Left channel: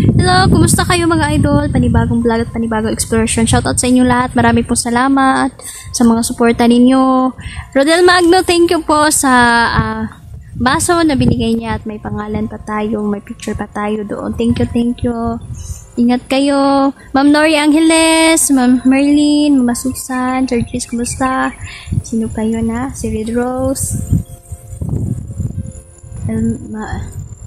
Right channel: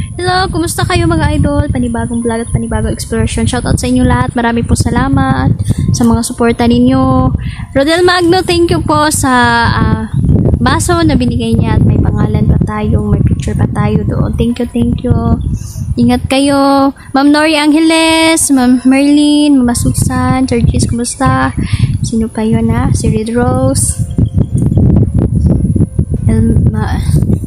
Hello, kumusta kayo mga idol? Panibagong vlog at panibagong exploration. Shoutout sa inyo lahat. Marami po salamat sa mga suporta ninyo. Rodel Magno, thank you po sa baso na binigay niya at may pangalan pa tayo, may picture pa tayo doon. Thank you. Ingat kayo. Ma'am Nori Angeles, Ma'am Merlin, Mama Susan, Georges, kumusta? Sino pa yun Si Red Rose.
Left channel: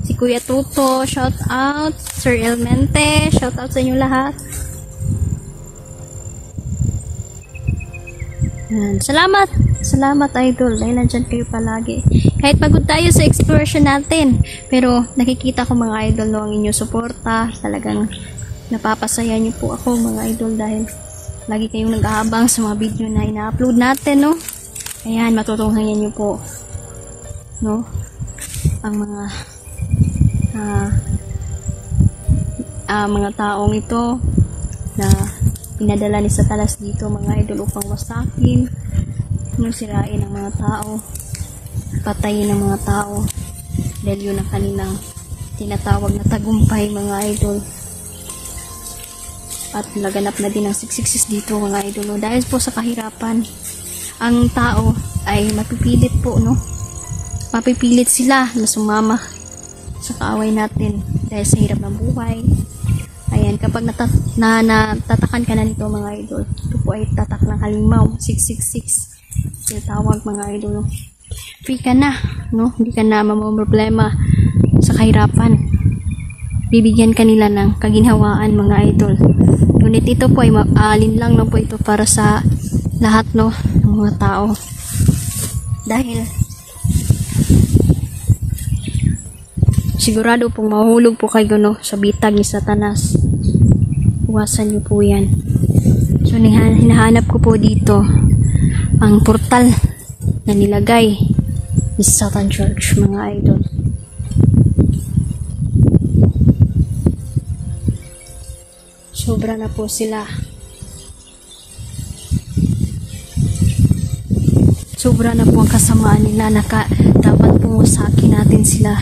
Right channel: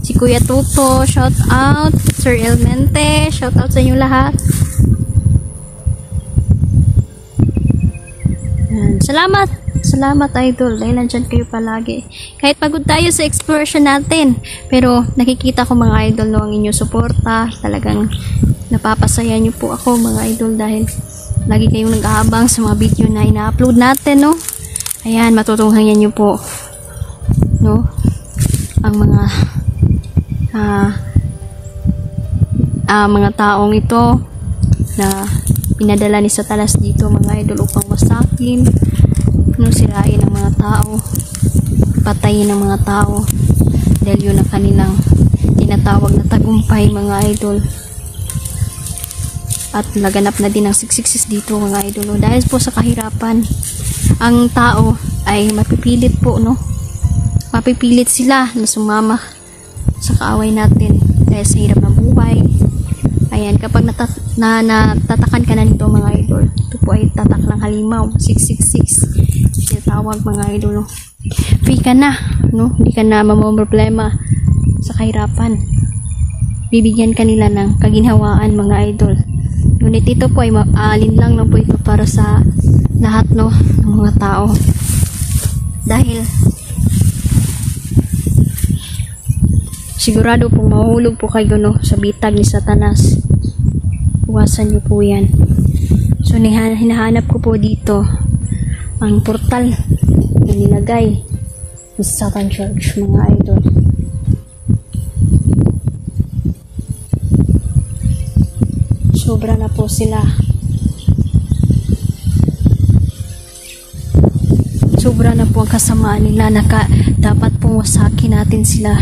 Si Kuya Tuto, shout out. Sir Elmente, shout out sa inyo lahat. Salamat idol, dahil nandyan kayo palagi. Kahit pagod tayo sa exploration natin, pero nakikita ko mga idol no, ang inyong suporta. Talagang napapasaya niyo po ako mga idol dahil lagi kayong nag-aabang sa mga video na ina-upload natin, no? Ayan, matutunghayan niyo po, no? Ang mga taong ito na pinadala ni Satanas dito mga idol upang wasakin, sirain ang mga tao, patayin ang mga tao dahil yun ang kanilang tinatawag na tagumpay mga idol. At naganap na din ang 666 dito mga idol, no? Dahil po sa kahirapan ang tao ay mapipilit po, no? Mapipilit sila na sumama sa kaaway natin dahil sa hirap ng buhay. Ayan, kapag natatakan ka na nito mga idol, ito po ay tatak ng halimaw, 666 tinatawag mga idol, no? Free ka na, no? Hindi ka na mamomroblema sa kahirapan. Bibigyan kanila ng kaginhawaan mga idol. Ngunit ito po ay alinlang lang po ito para sa lahat, no, ng mga tao. Dahil sigurado pong mahulog po kayo, no, sa bitag ni Satanas. Iwasan niyo po yan. So hinahanap ko po dito ang portal na nilagay ni Satan Church mga idol. Sobra na po sila. Sobra na po ang kasamaan nila. Dapat pong wasakin natin sila.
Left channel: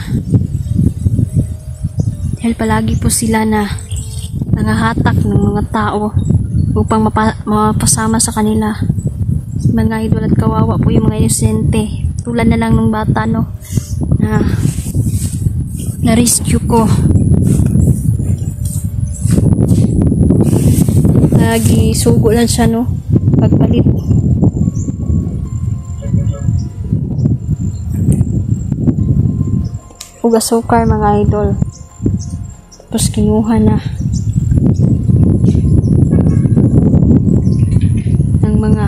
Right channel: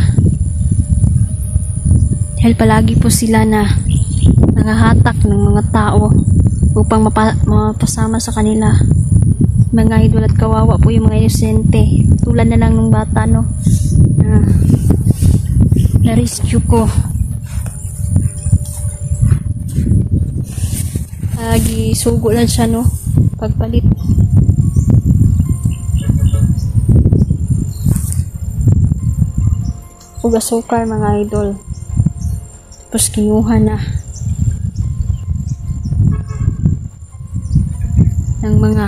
Dahil palagi po sila na nangahatak ng mga tao upang mapasama sa kanila. Mga idol, at kawawa po yung mga inosente. Tulad na lang ng bata, no, na rescue ko. Nagisugo lang siya, no, pagpalit. Ugasukar mga idol. Tapos kinuha na ng mga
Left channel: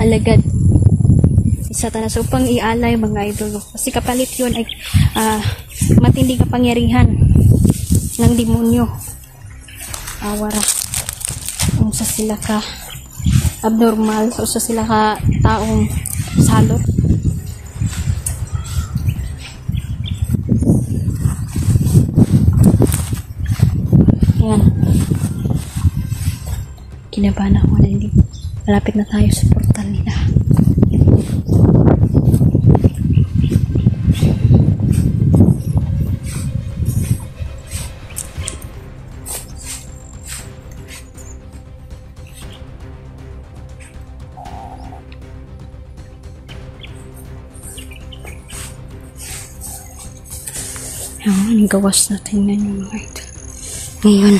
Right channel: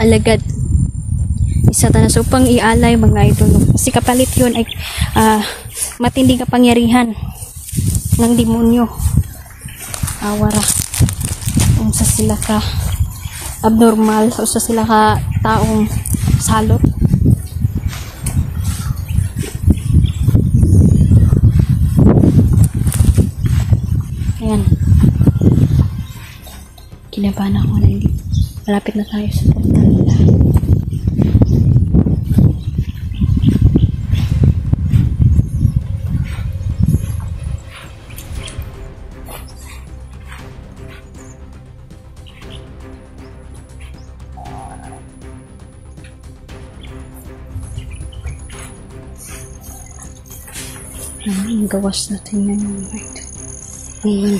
alagad sa Satanas upang ialay mga idol. Kasi kapalit yun ay matinding kapangyarihan ng demonyo. Awara. Kung sa sila ka abnormal o sa sila ka taong salot. Ayan. Kinabahan ako na hindi. Malapit na tayo sa portal nila. Ang gawas natin na yung mga ito. Ngayon.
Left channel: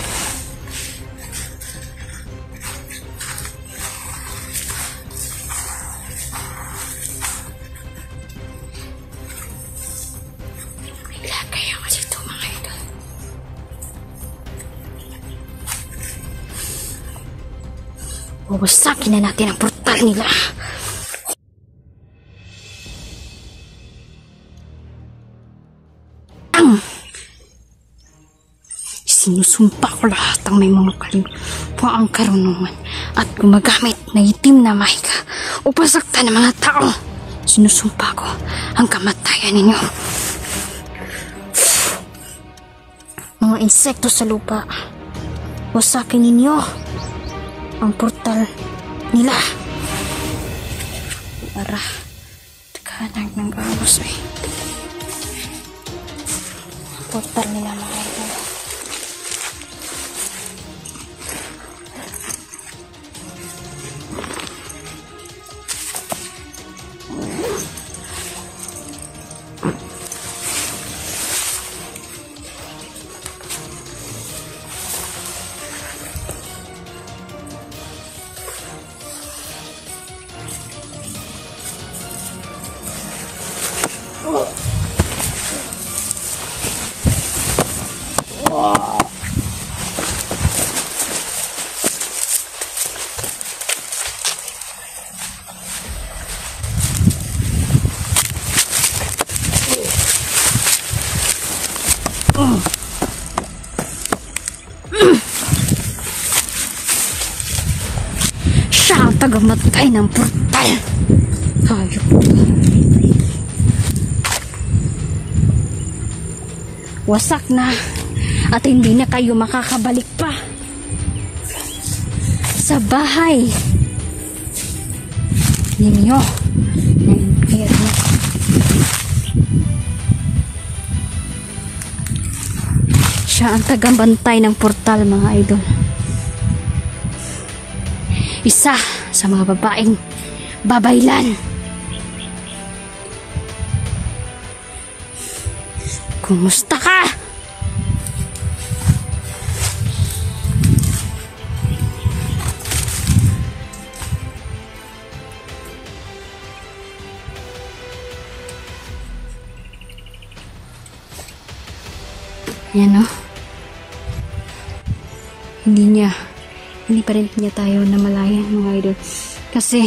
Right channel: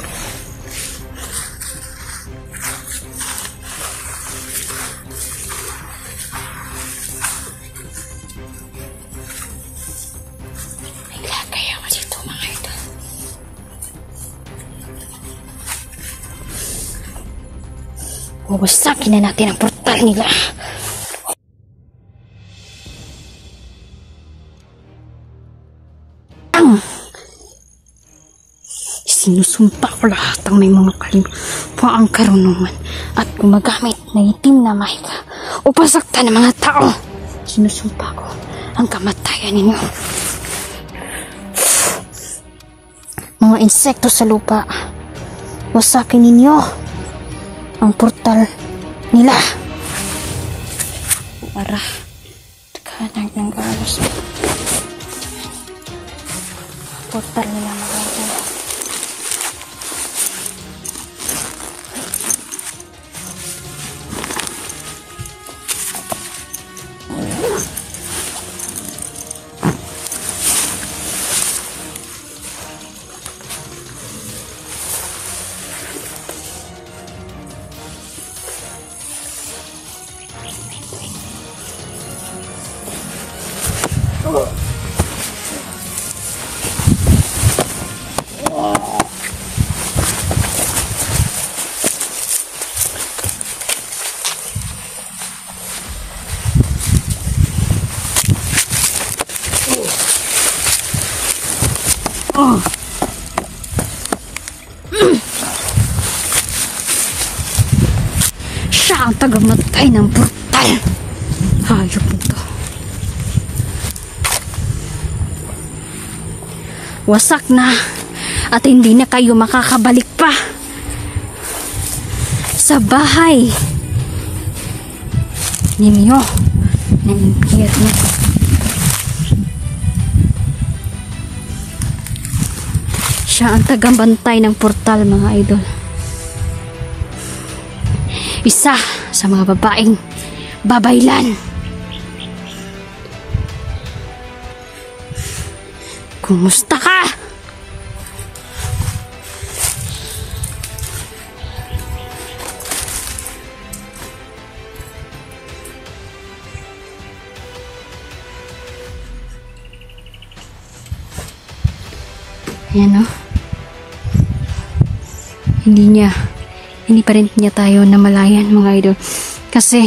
May lagay ako dito mga ito. Wawasakin na natin ang portal nila. Sinusumpa ko lahat ang may mga kalimpaang karunungan at gumagamit na itim na mahika upang saktan ng mga tao. Sinusumpa ko ang kamatayan ninyo. Mga insekto sa lupa, wasakin ninyo ang portal nila. Para tekahan natin guys. Portal nila mga idol. Siya ang tagamatay ng portal. Hayop po to. Wasak na at hindi na kayo makakabalik pa sa bahay ninyo ng impyerno. Siya ang tagabantay ng portal mga idol. Isa sa mga babaeng babaylan. Kumusta ka? Ayan o. Hindi pa rin niya tayo namalayan mga idol. Kasi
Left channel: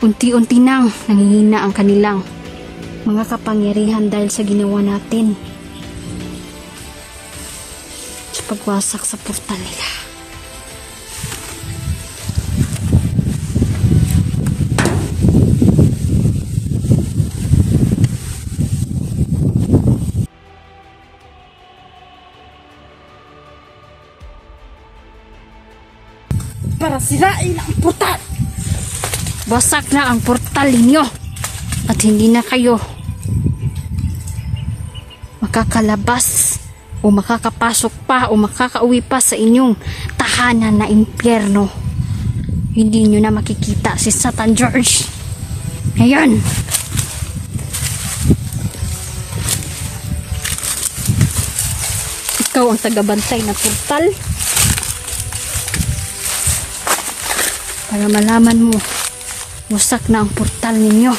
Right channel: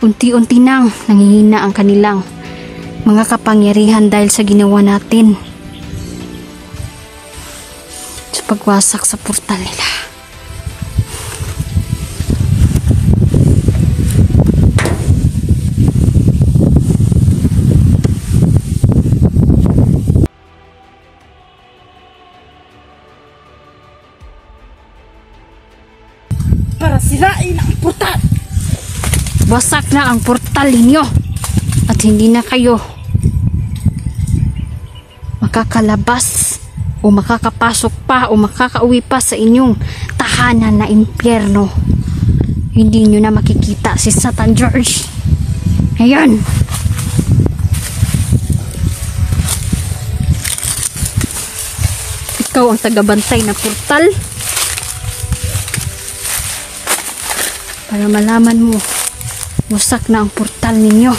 unti-unti nang nanghihina ang kanilang mga kapangyarihan dahil sa ginawa natin sa pagwasak sa portal nila. Para sirain ang portal. Wasak na ang portal ninyo at hindi na kayo makakalabas o makakapasok pa o makakauwi pa sa inyong tahanan na impyerno. Hindi nyo na makikita si Satan George. Ngayon, ikaw ang tagabantay ng portal. Para malaman mo, wasak na ang portal ninyo.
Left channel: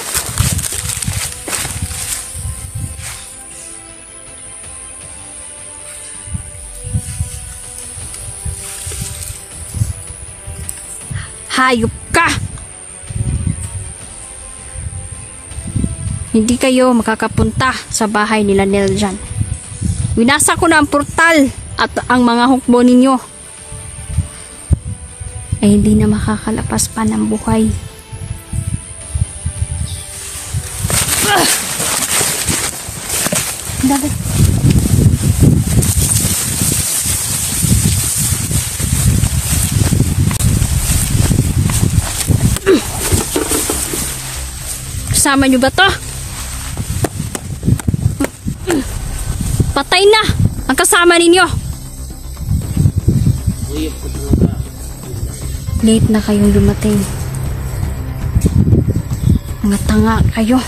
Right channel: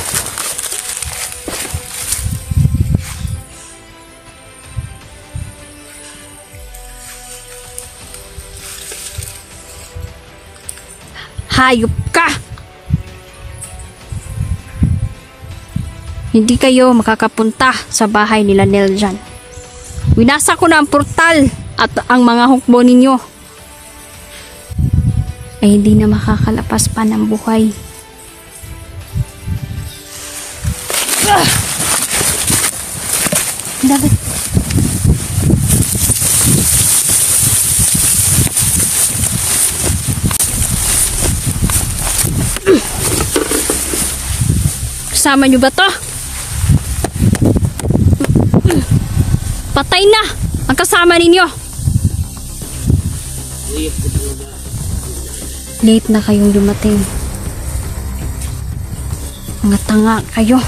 Hayop ka! Hindi kayo makakapunta sa bahay nila Neljan. Winasa ko na ang portal at ang mga hukbo ninyo ay hindi na makakalapas pa ng buhay. Dali. Kasama nyo ba to? Patay na ang kasama ninyo. Late na kayong dumating. Mga tanga kayo.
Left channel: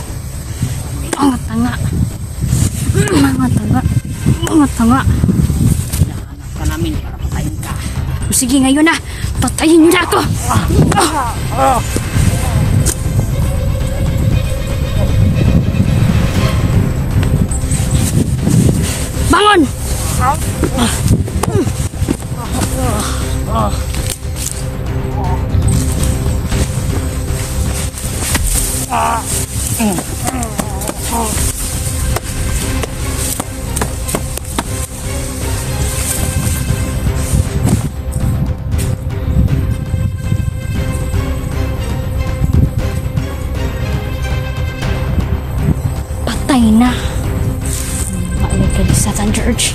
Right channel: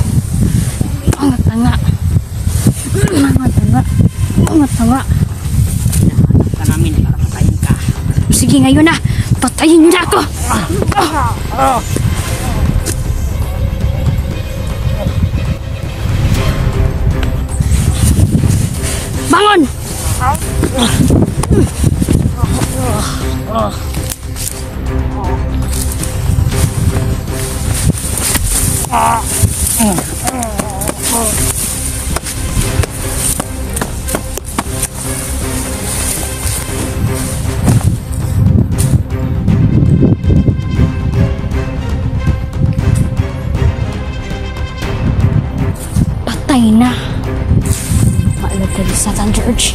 Mga tanga. Mga tanga. Mga tanga. Hinahanap ka namin para patayin ka. Sige ngayon na. Patayin niyo na ako. Bangon! Patay na. Maalag ka di Satan George.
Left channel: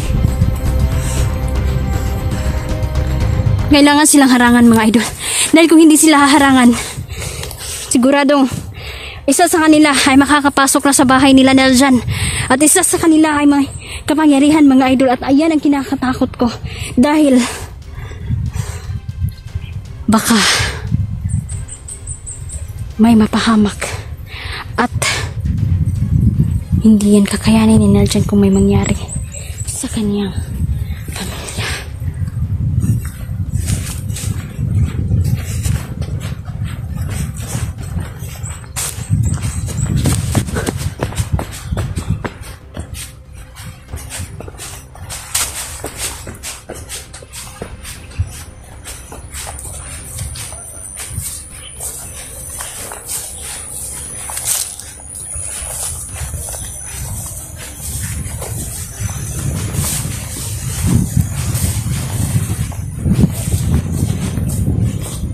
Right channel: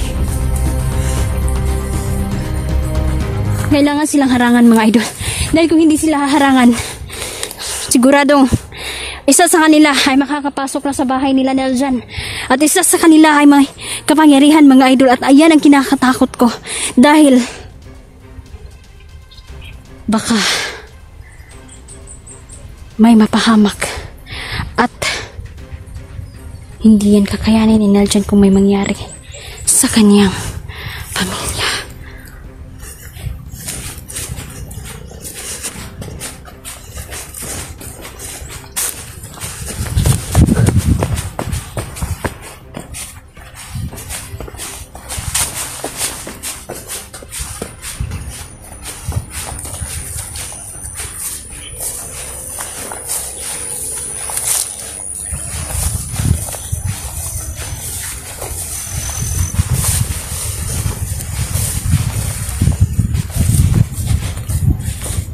Kailangan silang harangan mga idol. Dahil kung hindi sila harangan, siguradong Isa sa kanila ay makakapasok na sa bahay nila Neljan. At isa sa kanila ay may kapangyarihan mga idol. At ayan ang kinakatakot ko. Dahil baka may mapahamak. At hindi yan kakayanin ni Neljan kung may mangyari sa kanyang pamilya.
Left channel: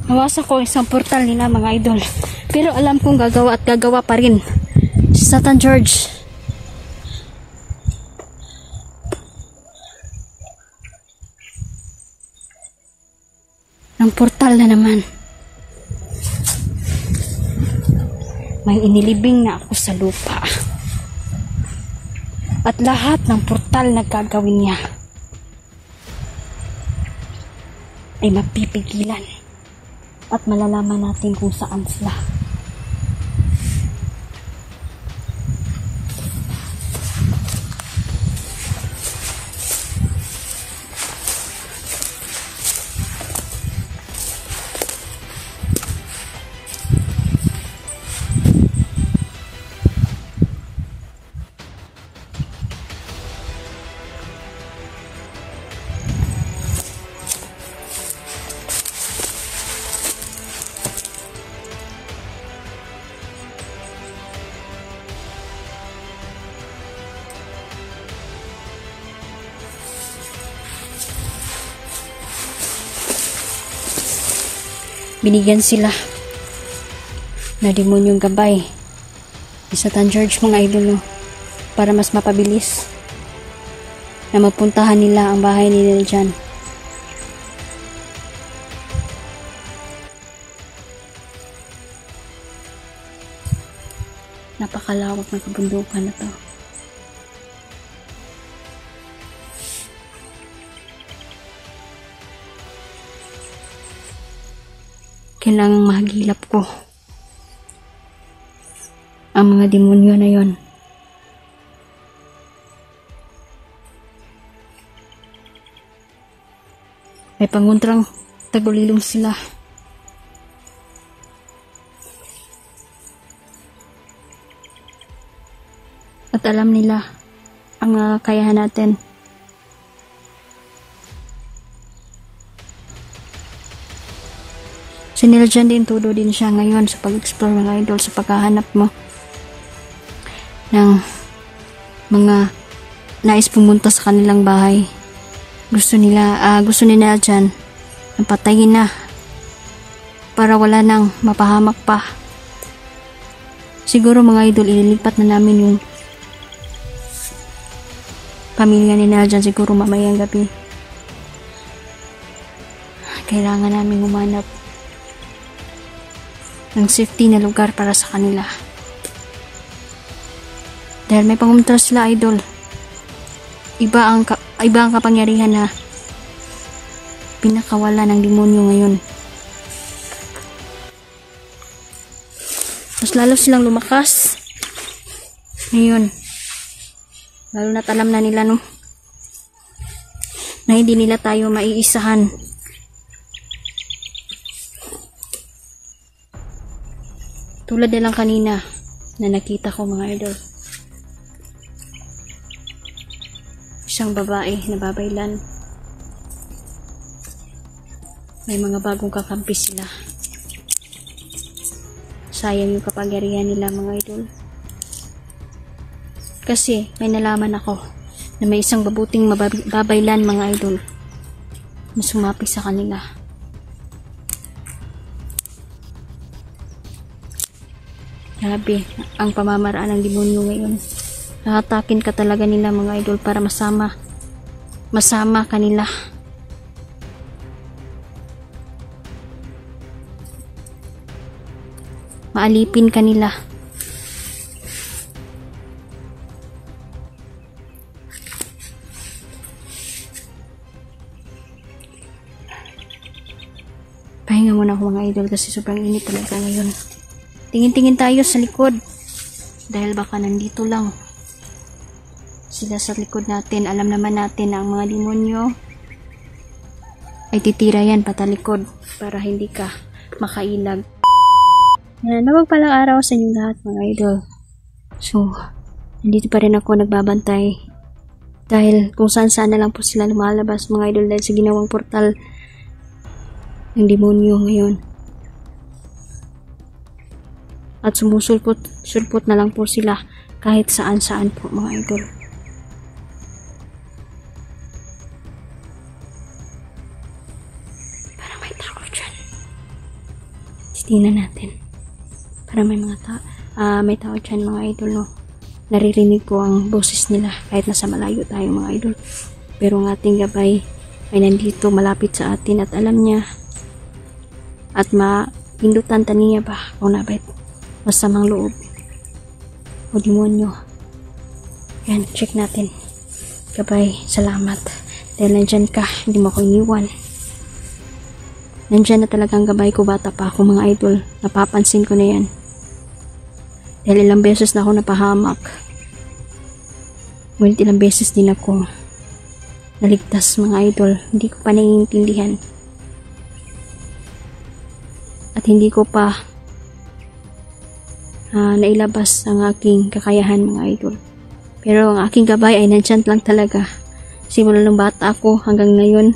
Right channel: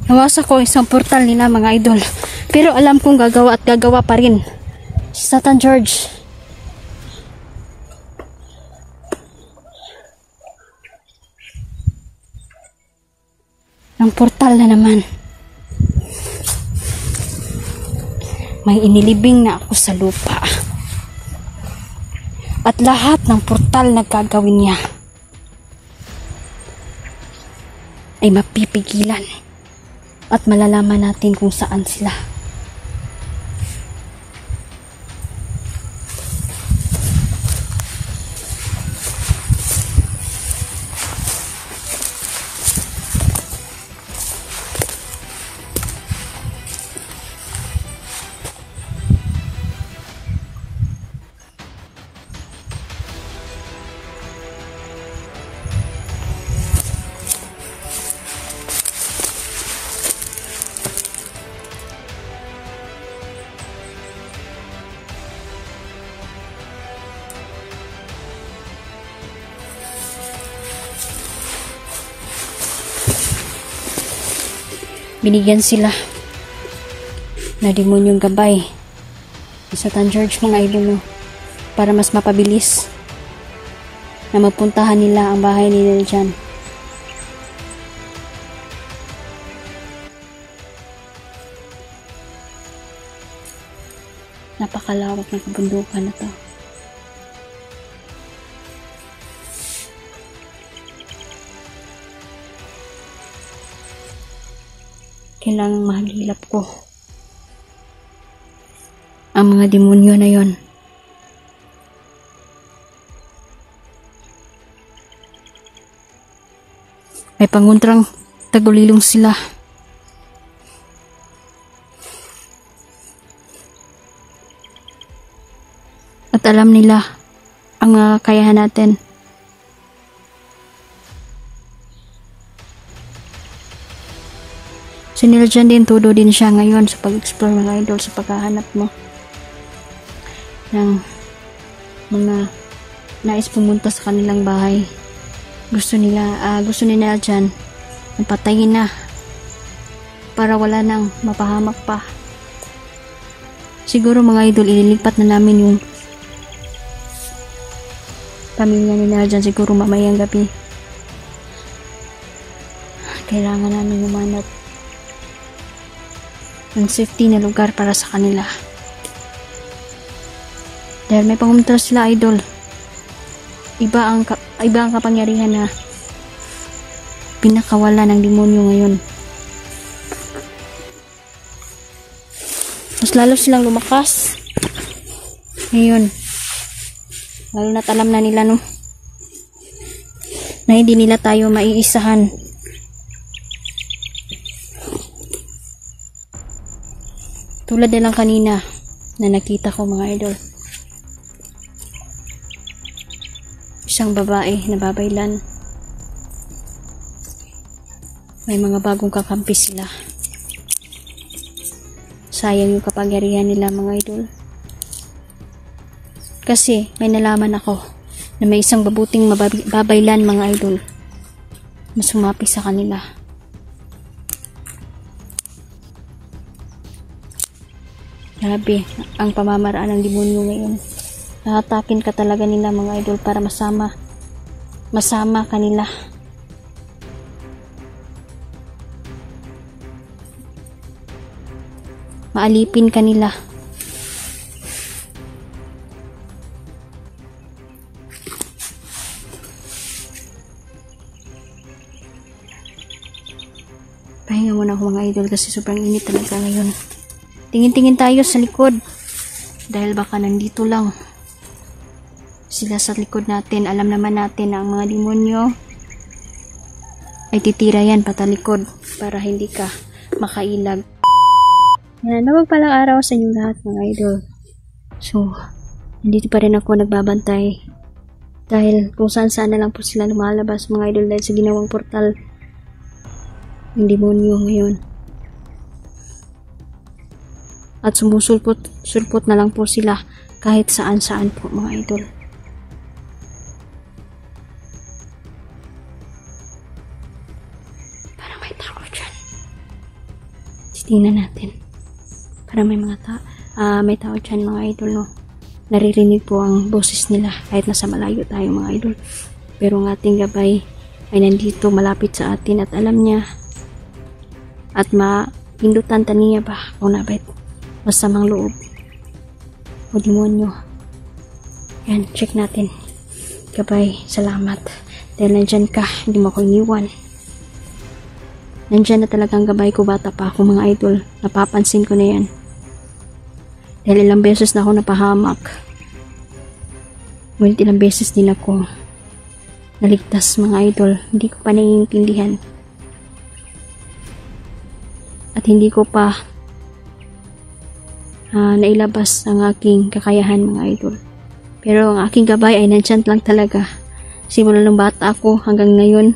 Nawasa ko isang portal nila mga idol. Pero alam kong gagawa at gagawa pa rin si Satan George. Ng portal na naman. May inilibing na ako sa lupa. At lahat ng portal na gagawin niya ay mapipigilan. At malalaman natin kung saan sila. Binigyan sila na demonyong gabay ni Satan George mga idol, para mas mapabilis na mapuntahan nila ang bahay ni Neljan. Napakalawak ng kabundukan na to. Kailangang mahagilap ko ang mga demonyo na yon. May panguntrang tagulilong sila. At alam nila ang mga kakayahan natin. Siniljan din, todo din siya ngayon sa pag-explore mga idol, sa paghahanap mo ng mga nais pumunta sa kanilang bahay. Gusto nila dyan napatayin na para wala nang mapahamak pa. Siguro mga idol, ililipat na namin yung pamilya nila dyan siguro mamayang gabi. Kailangan namin humanap ng safety na lugar para sa kanila. Dahil may pangumuntra sila idol. Iba ang kapangyarihan na pinakawala ng demonyo ngayon. Mas lalo silang lumakas ngayon. Lalo na't alam na nila na hindi nila tayo maiisahan. Tulad na lang kanina na nakita ko mga idol. Isang babae na babaylan. May mga bagong kakampi sila. Sayang yung kapangyarihan nila mga idol. Kasi may nalaman ako na may isang babuting babaylan mga idol. Mas sumapi sa kanila. Grabe ang pamamaraan ng demonyo ngayon. Hahatakin ka talaga nila mga idol para masama kanila. Maalipin kanila muna ako mga idol kasi sobrang init talaga ngayon. Tingin-tingin tayo sa likod. Dahil baka nandito lang sila sa likod natin. Alam naman natin na ang mga demonyo ay titira yan patalikod para hindi ka makailag. Yan, mapagpalang araw sa inyo lahat mga idol. So, nandito pa rin ako nagbabantay. Dahil kung saan-saan na lang po sila lumalabas mga idol dahil sa ginawang portal ng demonyo ngayon. At sumusulpot na lang po sila kahit saan-saan po mga idol. Parang may tao dyan. Tingnan natin. Parang may may tao dyan mga idol, no? Naririnig po ang boses nila kahit nasa malayo tayo mga idol. Pero ang ating gabay ay nandito malapit sa atin at alam niya at mapindutan taniya ba kung nabait masamang loob o demonyo. Yan, check natin. Gabay, salamat. Dahil nandyan ka, hindi mo ako iniwan. Nandyan na talagang gabay ko, bata pa ako mga idol. Napapansin ko na yan. Dahil ilang beses na ako napahamak. Ngunit ilang beses din ako naligtas mga idol. Hindi ko pa naiintindihan. At hindi ko pa nailabas ang aking kakayahan mga idol. Pero ang aking gabay ay nandyan lang talaga. Simula ng bata ako hanggang ngayon,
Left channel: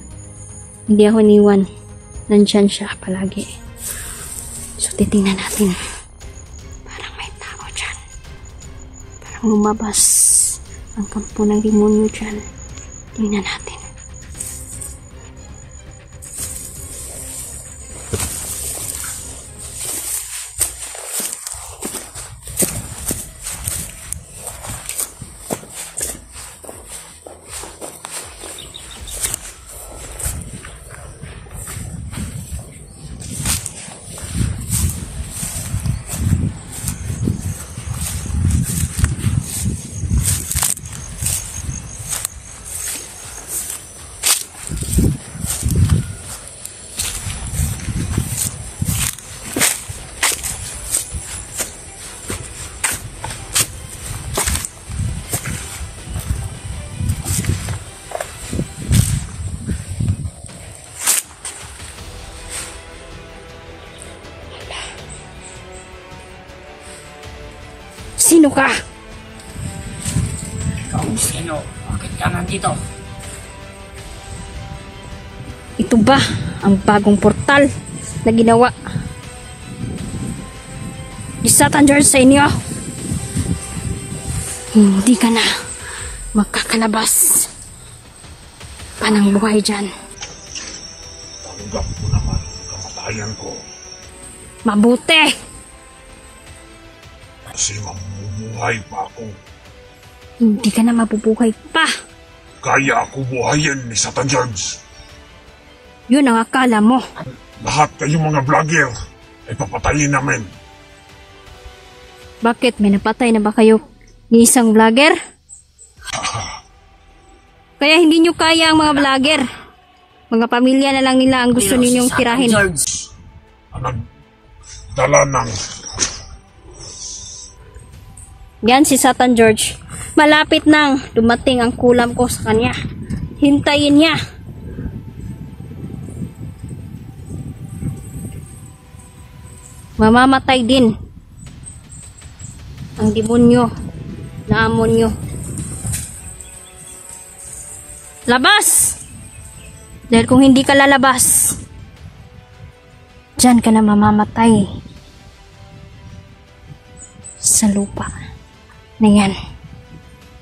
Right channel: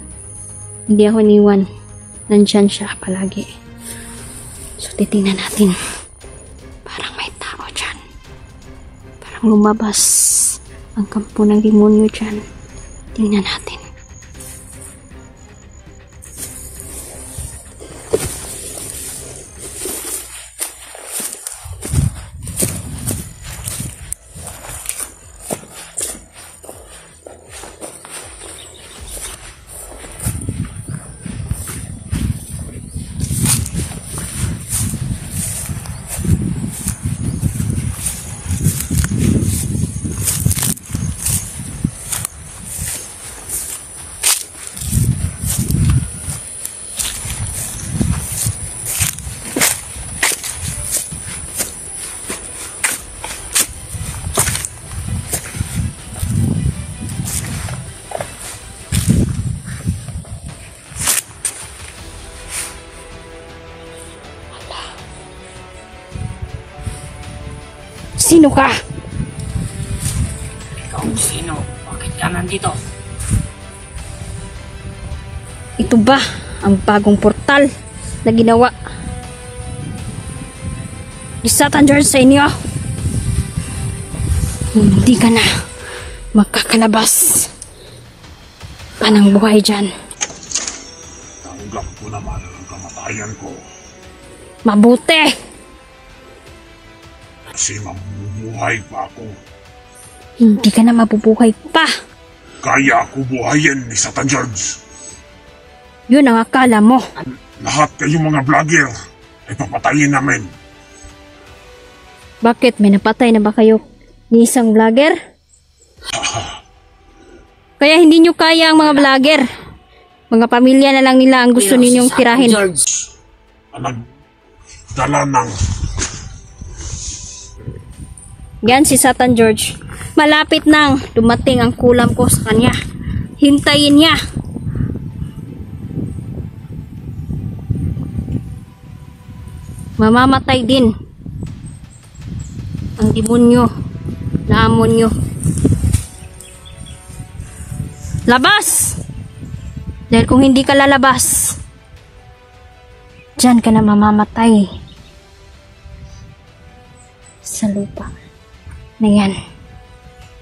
hindi ako iniwan. Nandyan siya palagi. So titingnan natin. Parang may tao dyan. Parang lumabas ang kampo ng demonyo dyan. Tingnan natin. Sino ka? Ikaw sino? Bakit ka nandito? Ito ba ang bagong portal na ginawa ni Satan George sa inyo? Hindi ka na makakalabas pa ng buhay dyan. Tanggap mo naman ang kamatayan ko. Mabuti! Kasi mabubuhay pa ako. Hindi ka na mabubuhay pa. Kaya ako buhayin ni Satan George. Yun ang akala mo. Lahat kayong mga vlogger ay papatayin namin. Bakit? May napatay na ba kayo ni isang vlogger? Kaya hindi nyo kaya ang mga vlogger. Mga pamilya na lang nila ang gusto ninyong tirahin. George. Ang nagdala ng... Yan si Satan George. Malapit nang dumating ang kulam ko sa kanya. Hintayin niya. Mamamatay din ang demonyo na amon nyo. Labas! Dahil kung hindi ka lalabas, dyan ka na mamamatay sa lupa na yan.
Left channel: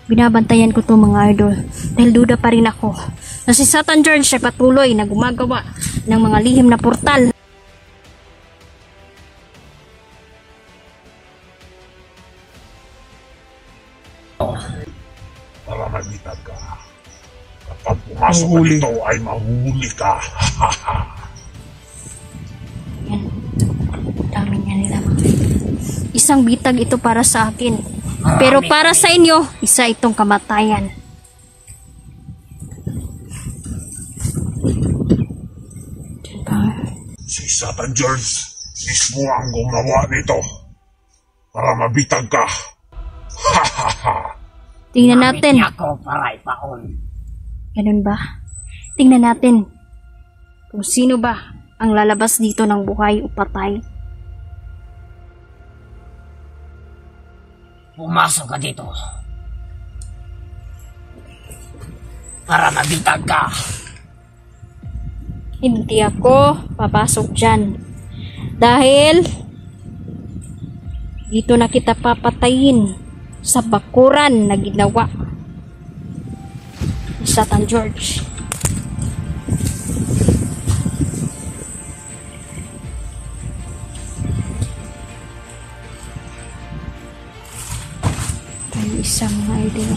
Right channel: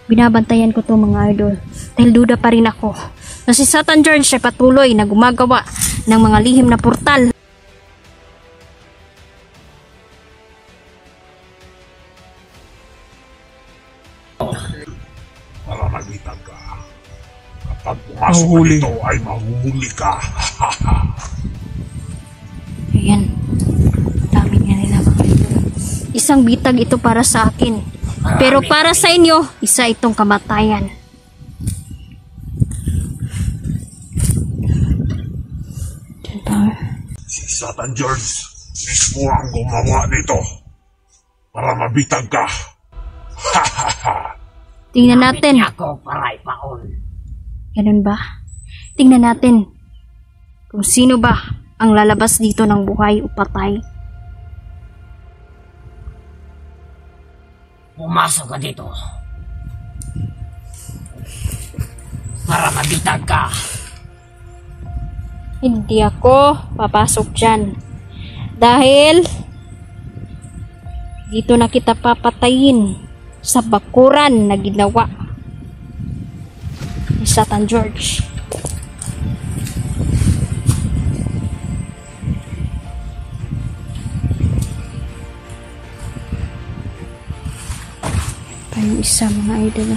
Binabantayan ko to mga idol dahil duda pa rin ako na si Satan George ay patuloy na gumagawa ng mga lihim na portal. Para magitag ka. Kapag pumasok ka dito ay mahuhuli ka. Ayan. Dami niya nila mga idol. Isang bitag ito para sa akin. Pero para sa inyo, isa itong kamatayan. Diyan pa. Si Satan George, mismo ang gumawa nito para mabitag ka. Ha ha ha! Tingnan natin. Gamit niya ako para ipaon. Ganun ba? Tingnan natin kung sino ba ang lalabas dito ng buhay o patay. Pumasok ka dito. Para mabitag ka. Hindi ako papasok dyan. Dahil dito na kita papatayin sa bakuran na ginawa ni Satan George. Ang isa mga idol.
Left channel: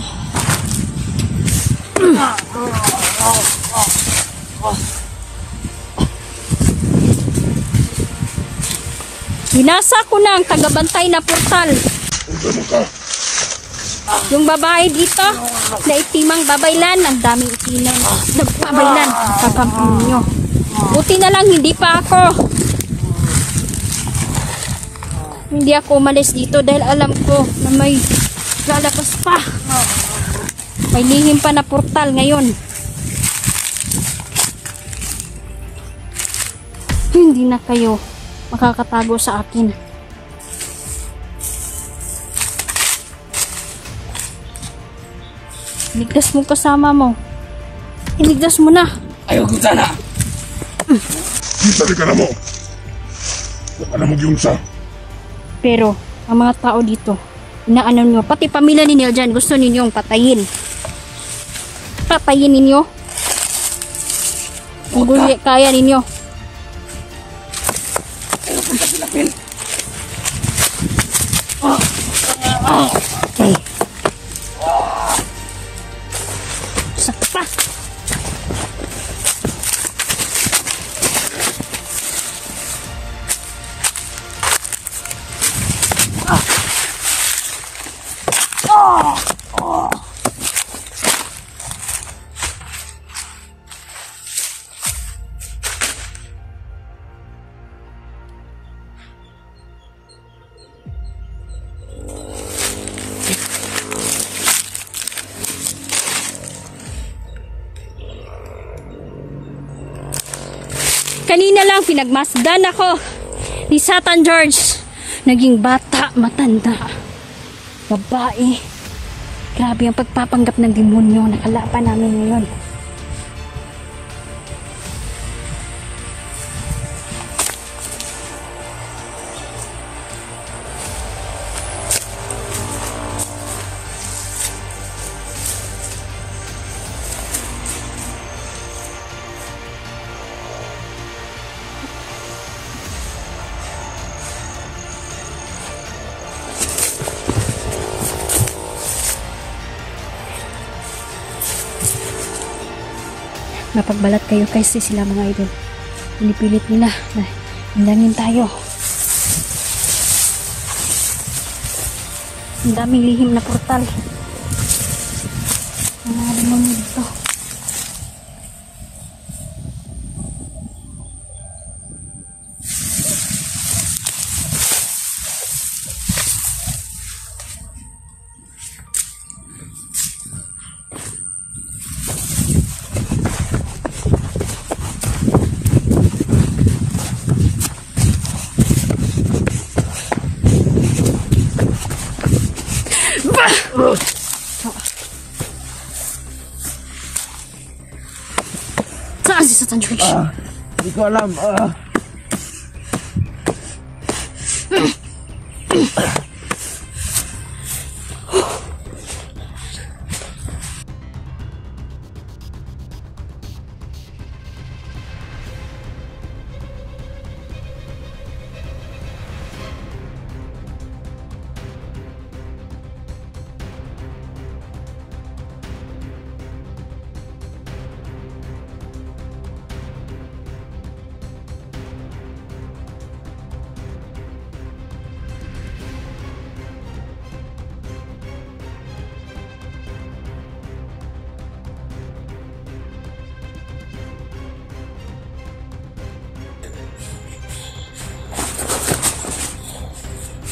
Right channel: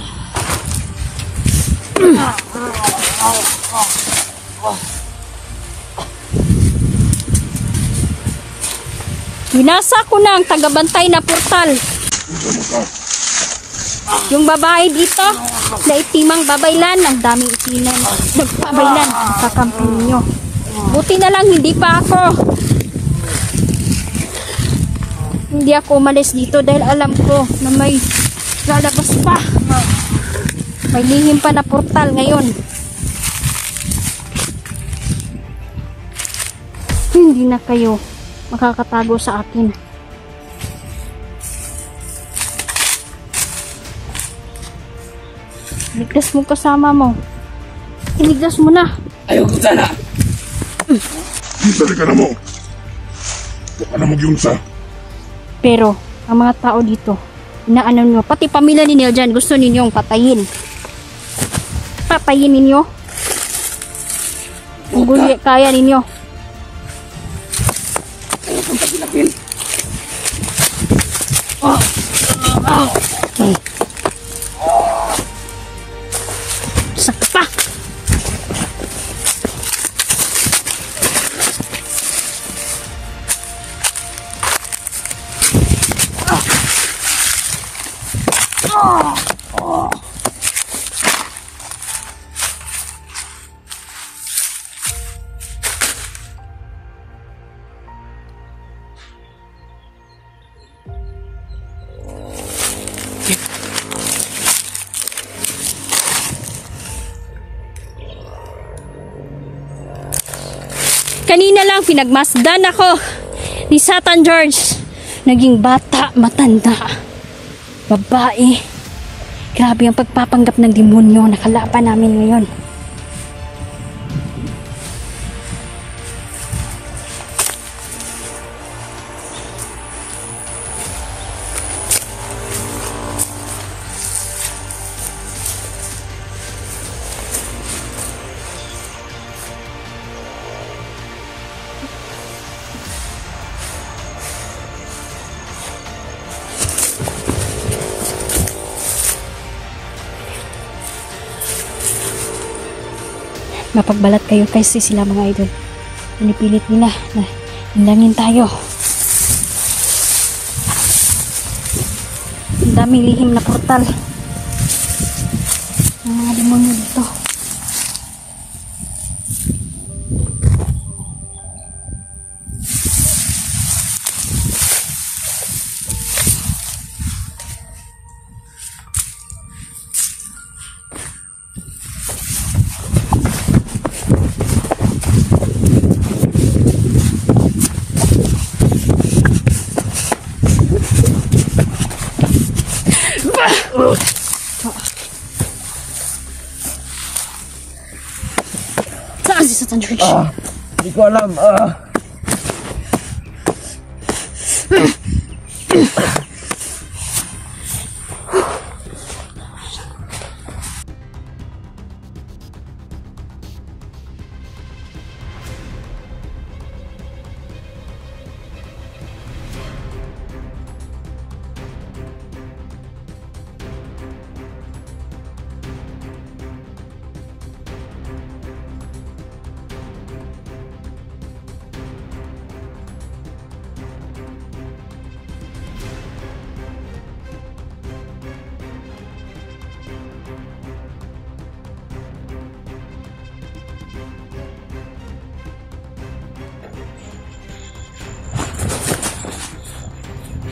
Binasa ko na ang tagabantay na portal. Yung babae dito, na itimang babaylan, ang daming itinan. Nagpabaylan, kakampi ninyo. Buti na lang, hindi pa ako. Hindi ako umalis dito dahil alam ko na may lalabas pa. May lihim pa na portal ngayon. Hindi na kayo makakatago sa akin. Iligtas mo kasama mo. Iligtas mo na. Ayaw ko sana. Isali ka na mo. Huwag ka na magyungsa. Pero, ang mga tao dito, inaano nyo, pati pamilya ninyo dyan, gusto ninyong patayin. Patayin ninyo. Kung kaya ninyo. Sakit pa. Kanina lang pinagmasdan ako ni Satan George. Naging bata, matanda, babae. Grabe ang pagpapanggap ng demonyo na kalaban namin ngayon. Mapagbalat kayo kasi sila mga idol. Pinipilit nila na hindangin tayo. Ang daming lihim na portal. Ang mga demonyo dito. Saan si Satan George? Hindi ko alam.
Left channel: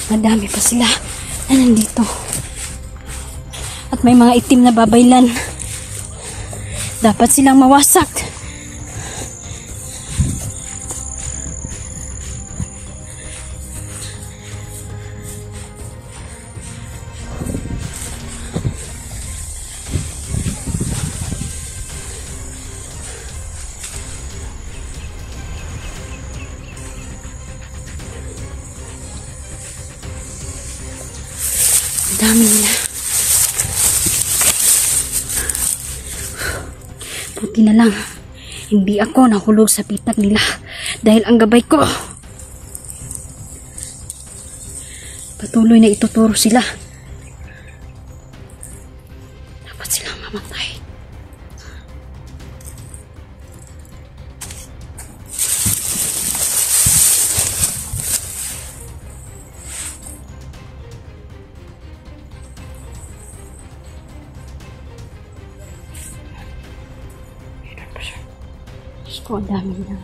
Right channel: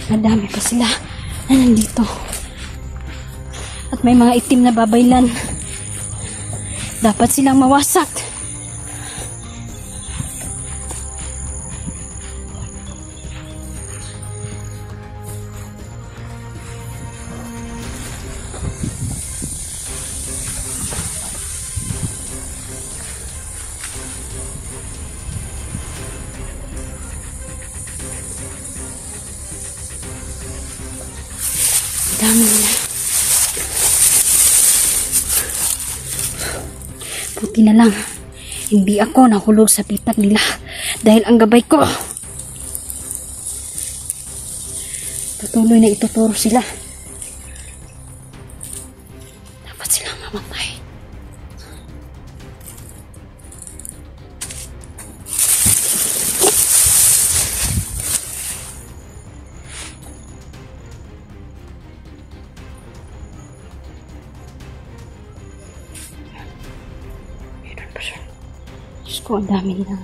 Madami pa sila na nandito. At may mga itim na babaylan. Dapat silang mawasak. Dami nila. Buti na lang, hindi ako nahulog sa pitag nila dahil ang gabay ko. Patuloy na ituturo sila. Dapat silang mamatay. Diyos ko, ang dami nila.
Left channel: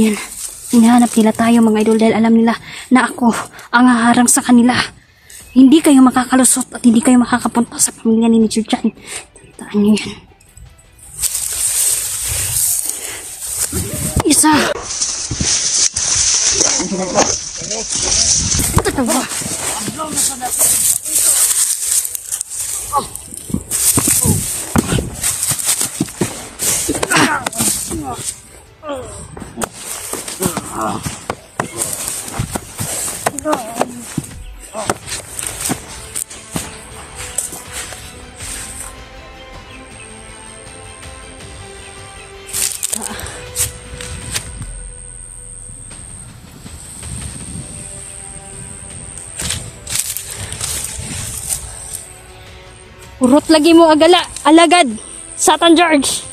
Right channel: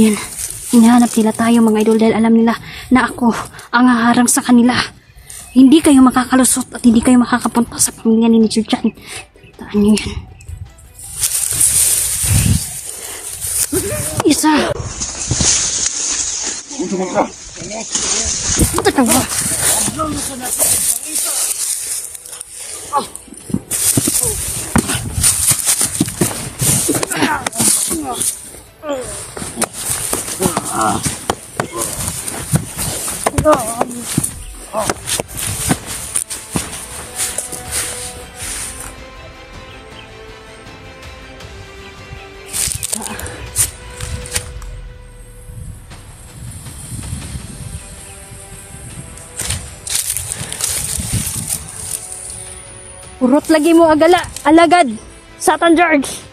Yan. Hinahanap nila tayo mga idol dahil alam nila na ako ang haharang sa kanila. Hindi kayo makakalusot at hindi kayo makakapunta sa pamilya ni Sir John. Tandaan nyo yan. Isa. Ito ba? Urot lagi mo agala, alagad, Satan George.